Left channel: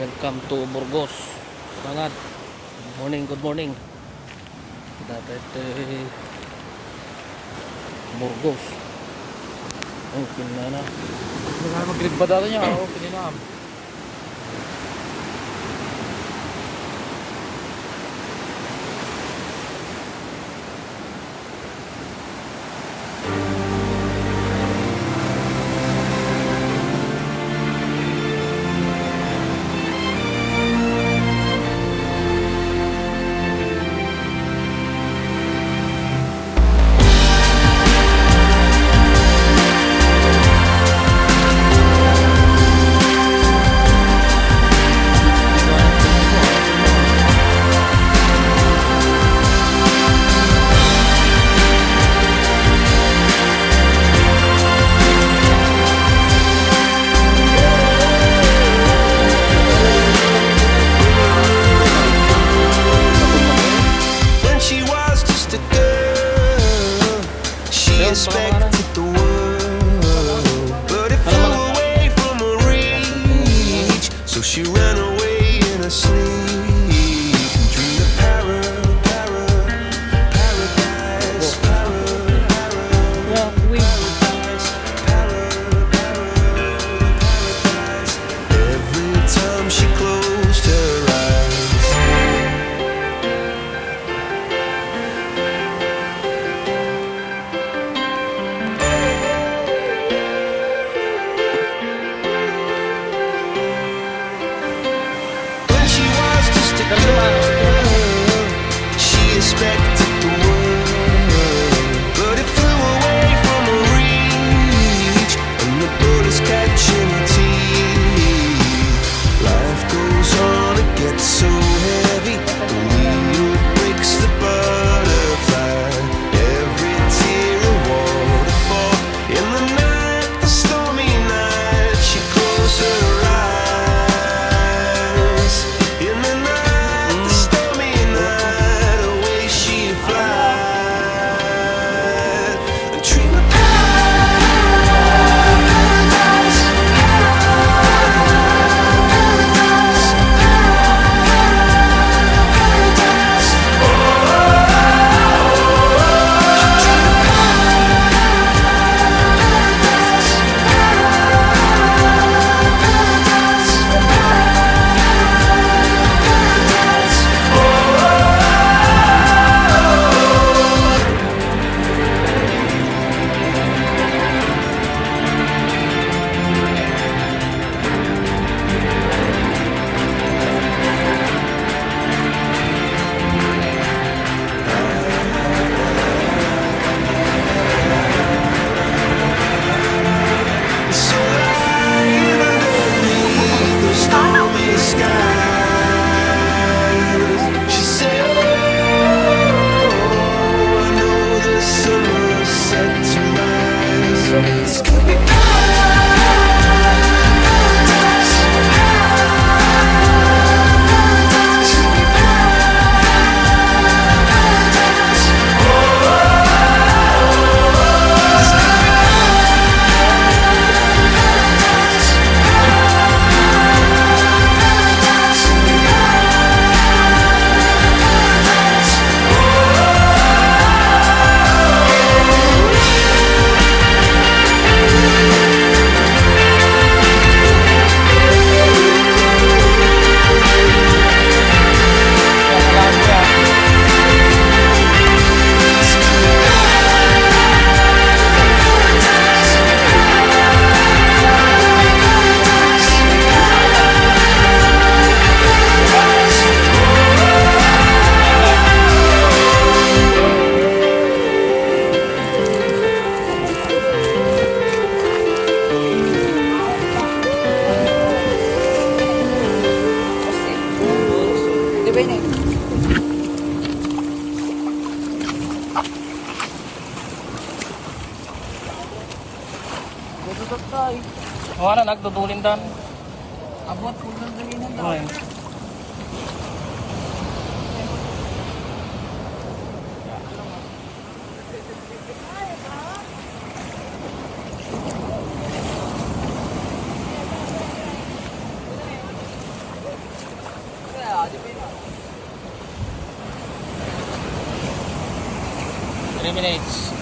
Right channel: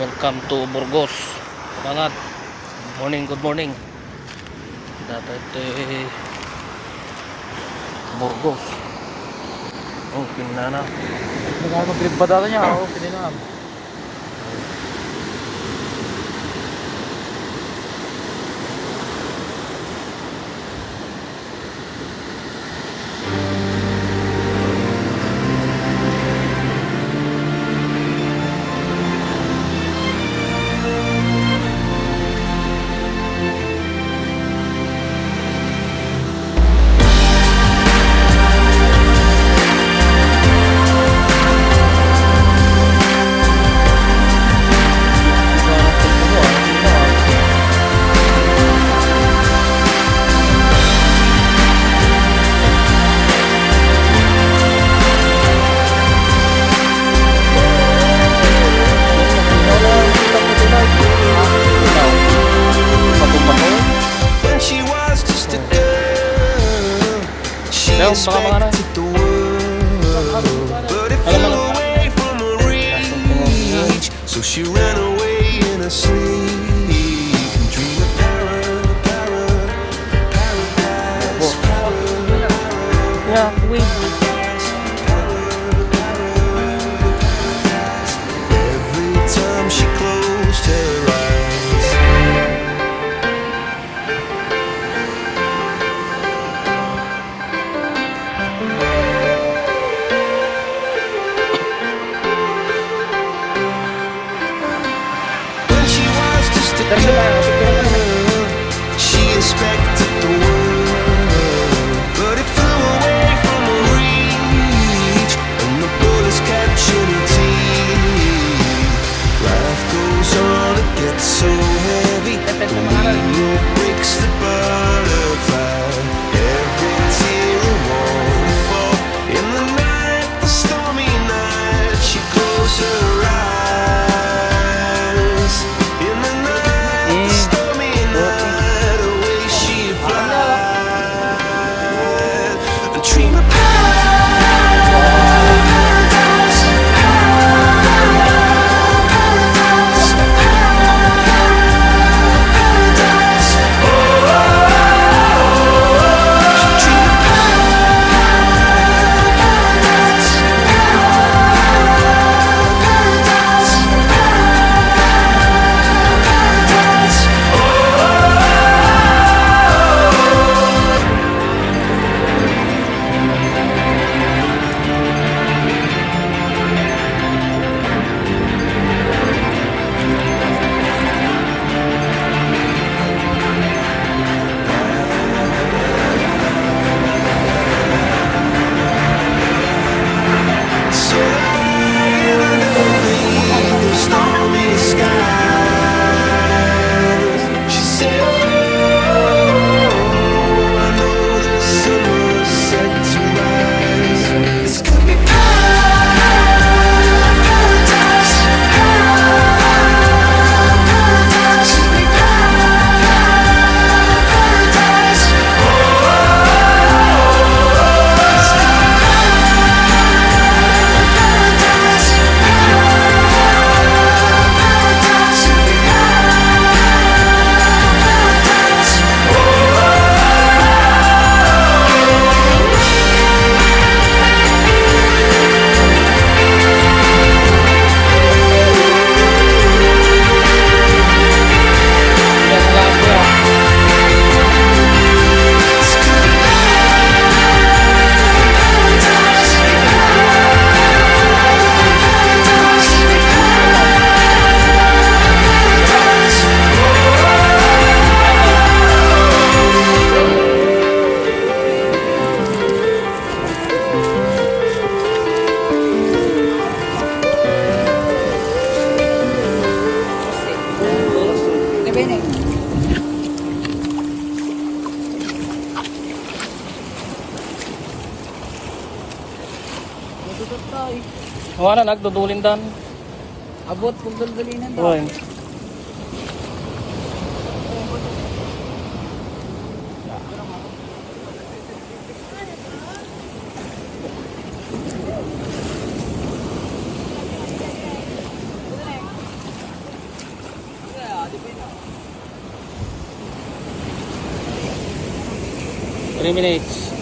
Welcome to Burgos, Balat. Good morning. Dito ito Burgos. Oh, kinana. Nagkakaglig ba dito niya? Oo, pininam. Expected the world, but it flew away from her reach. So she ran away in her sleep and dreamed of paradise, paradise. Every time she closed her eyes. She expected the world, but it flew away from her reach, and the bullets catching her teeth. Life goes on, it gets so heavy. The wheel breaks the butterfly. Every tear a waterfall. In the night, the stormy night, she closed her eyes. In the night, Wala na dudulin dam. Abot kung dulduling mo. Oh. 3 minutes.